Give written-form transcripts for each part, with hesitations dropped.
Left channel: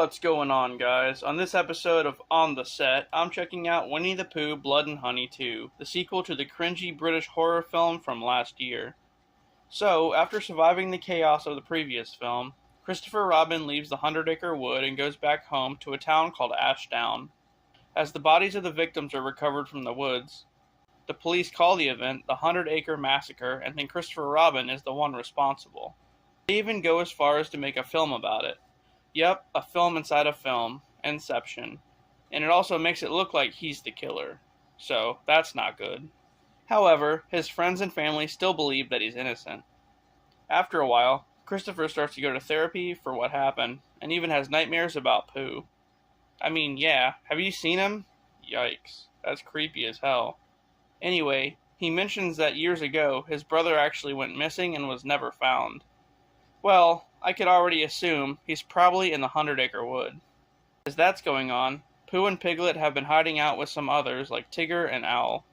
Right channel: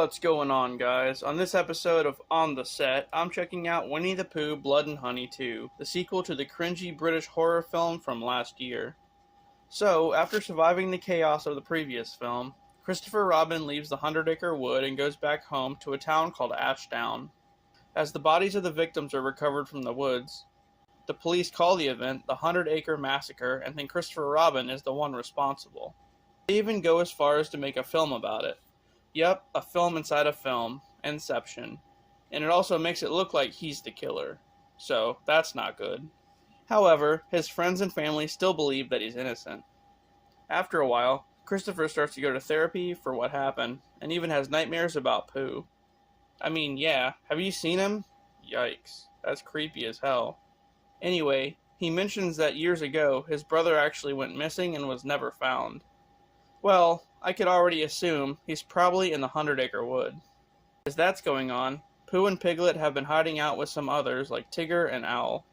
What's going on, guys? On this episode of On the Set, I'm checking out Winnie the Pooh Blood and Honey 2, the sequel to the cringy British horror film from last year. So, after surviving the chaos of the previous film, Christopher Robin leaves the Hundred Acre Wood and goes back home to a town called Ashdown. As the bodies of the victims are recovered from the woods, the police call the event the 100 Acre Massacre and think Christopher Robin is the one responsible. They even go as far as to make a film about it. Yep, a film inside a film, Inception. And it also makes it look like he's the killer. So, that's not good. However, his friends and family still believe that he's innocent. After a while, Christopher starts to go to therapy for what happened, and even has nightmares about Pooh. I mean, yeah, have you seen him? Yikes, that's creepy as hell. Anyway, he mentions that years ago, his brother actually went missing and was never found. Well, I could already assume he's probably in the 100 Acre Wood. As that's going on, Pooh and Piglet have been hiding out with some others like Tigger and Owl.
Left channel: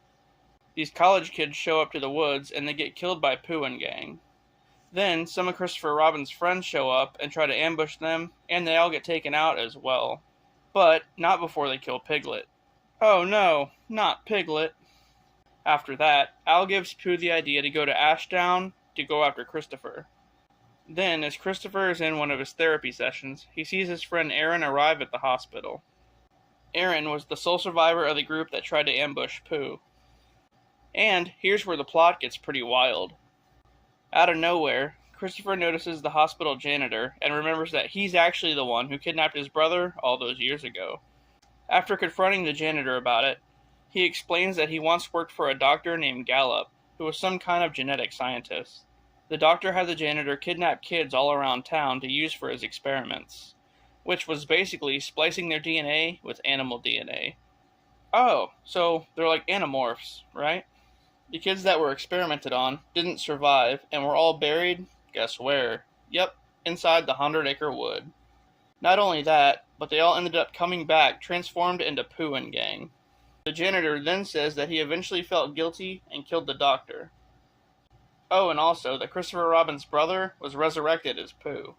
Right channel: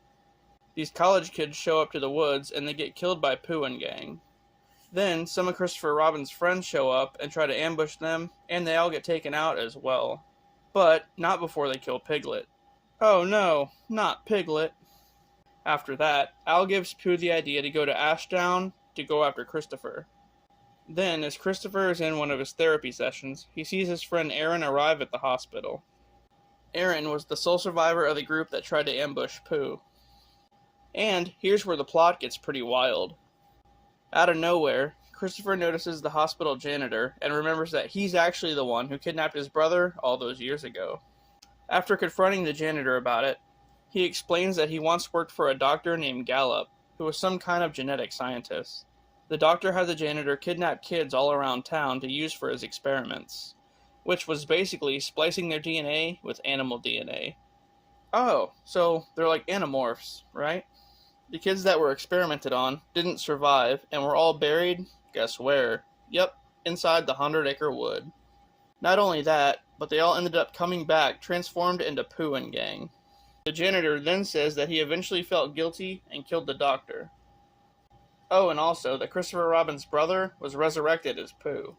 These college kids show up to the woods and they get killed by Pooh and gang. Then, some of Christopher Robin's friends show up and try to ambush them, and they all get taken out as well. But, not before they kill Piglet. Oh no, not Piglet. After that, Owl gives Pooh the idea to go to Ashdown to go after Christopher. Then, as Christopher is in one of his therapy sessions, he sees his friend Aaron arrive at the hospital. Aaron was the sole survivor of the group that tried to ambush Pooh. And here's where the plot gets pretty wild. Out of nowhere, Christopher notices the hospital janitor and remembers that he's actually the one who kidnapped his brother all those years ago. After confronting the janitor about it, he explains that he once worked for a doctor named Gallup, who was some kind of genetic scientist. The doctor had the janitor kidnap kids all around town to use for his experiments, which was basically splicing their DNA with animal DNA. Oh, so they're like animorphs, right? The kids that were experimented on didn't survive and were all buried, guess where? Yep, inside the 100 Acre Wood. Not only that, but they all ended up coming back transformed into Pooh and gang. The janitor then says that he eventually felt guilty and killed the doctor. Oh, and also that Christopher Robin's brother was resurrected as Pooh.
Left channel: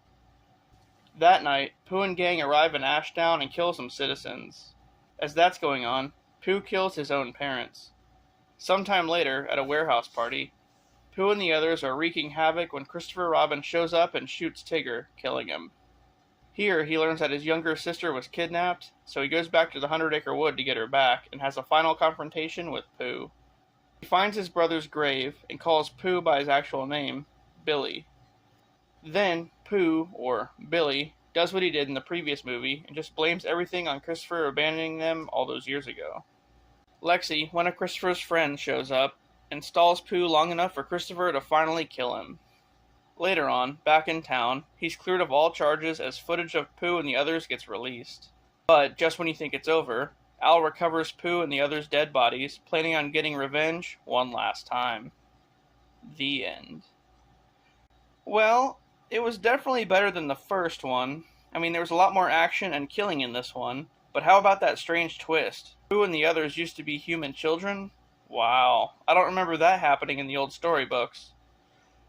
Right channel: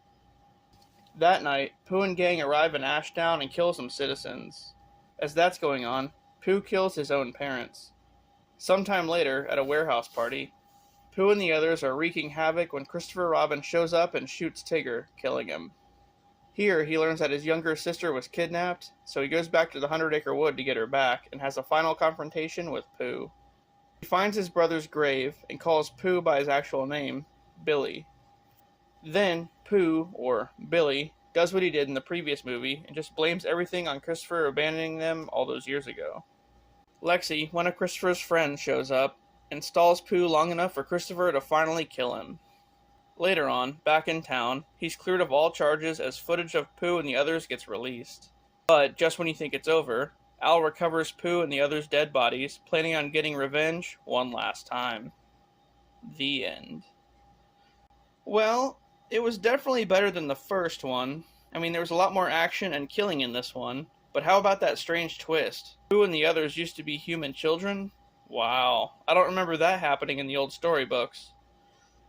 That night, Pooh and gang arrive in Ashdown and kill some citizens. As that's going on, Pooh kills his own parents. Sometime later, at a warehouse party, Pooh and the others are wreaking havoc when Christopher Robin shows up and shoots Tigger, killing him. Here, he learns that his younger sister was kidnapped, so he goes back to the 100 Acre Wood to get her back and has a final confrontation with Pooh. He finds his brother's grave and calls Pooh by his actual name, Billy. Then, Pooh, or Billy, does what he did in the previous movie and just blames everything on Christopher abandoning them all those years ago. Lexi, one of Christopher's friends, shows up and stalls Pooh long enough for Christopher to finally kill him. Later on, back in town, he's cleared of all charges as footage of Pooh and the others gets released. But just when you think it's over, Al recovers Pooh and the others' dead bodies, planning on getting revenge one last time. The end. Well, it was definitely better than the first one. I mean, there was a lot more action and killing in this one, but how about that strange twist? Pooh and the others used to be human children? Wow, I don't remember that happening in the old storybooks.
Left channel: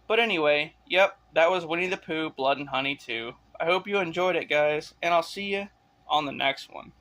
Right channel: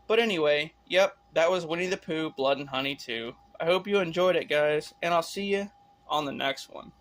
But anyway, yep, that was Winnie the Pooh Blood and Honey 2. I hope you enjoyed it, guys, and I'll see you on the next one.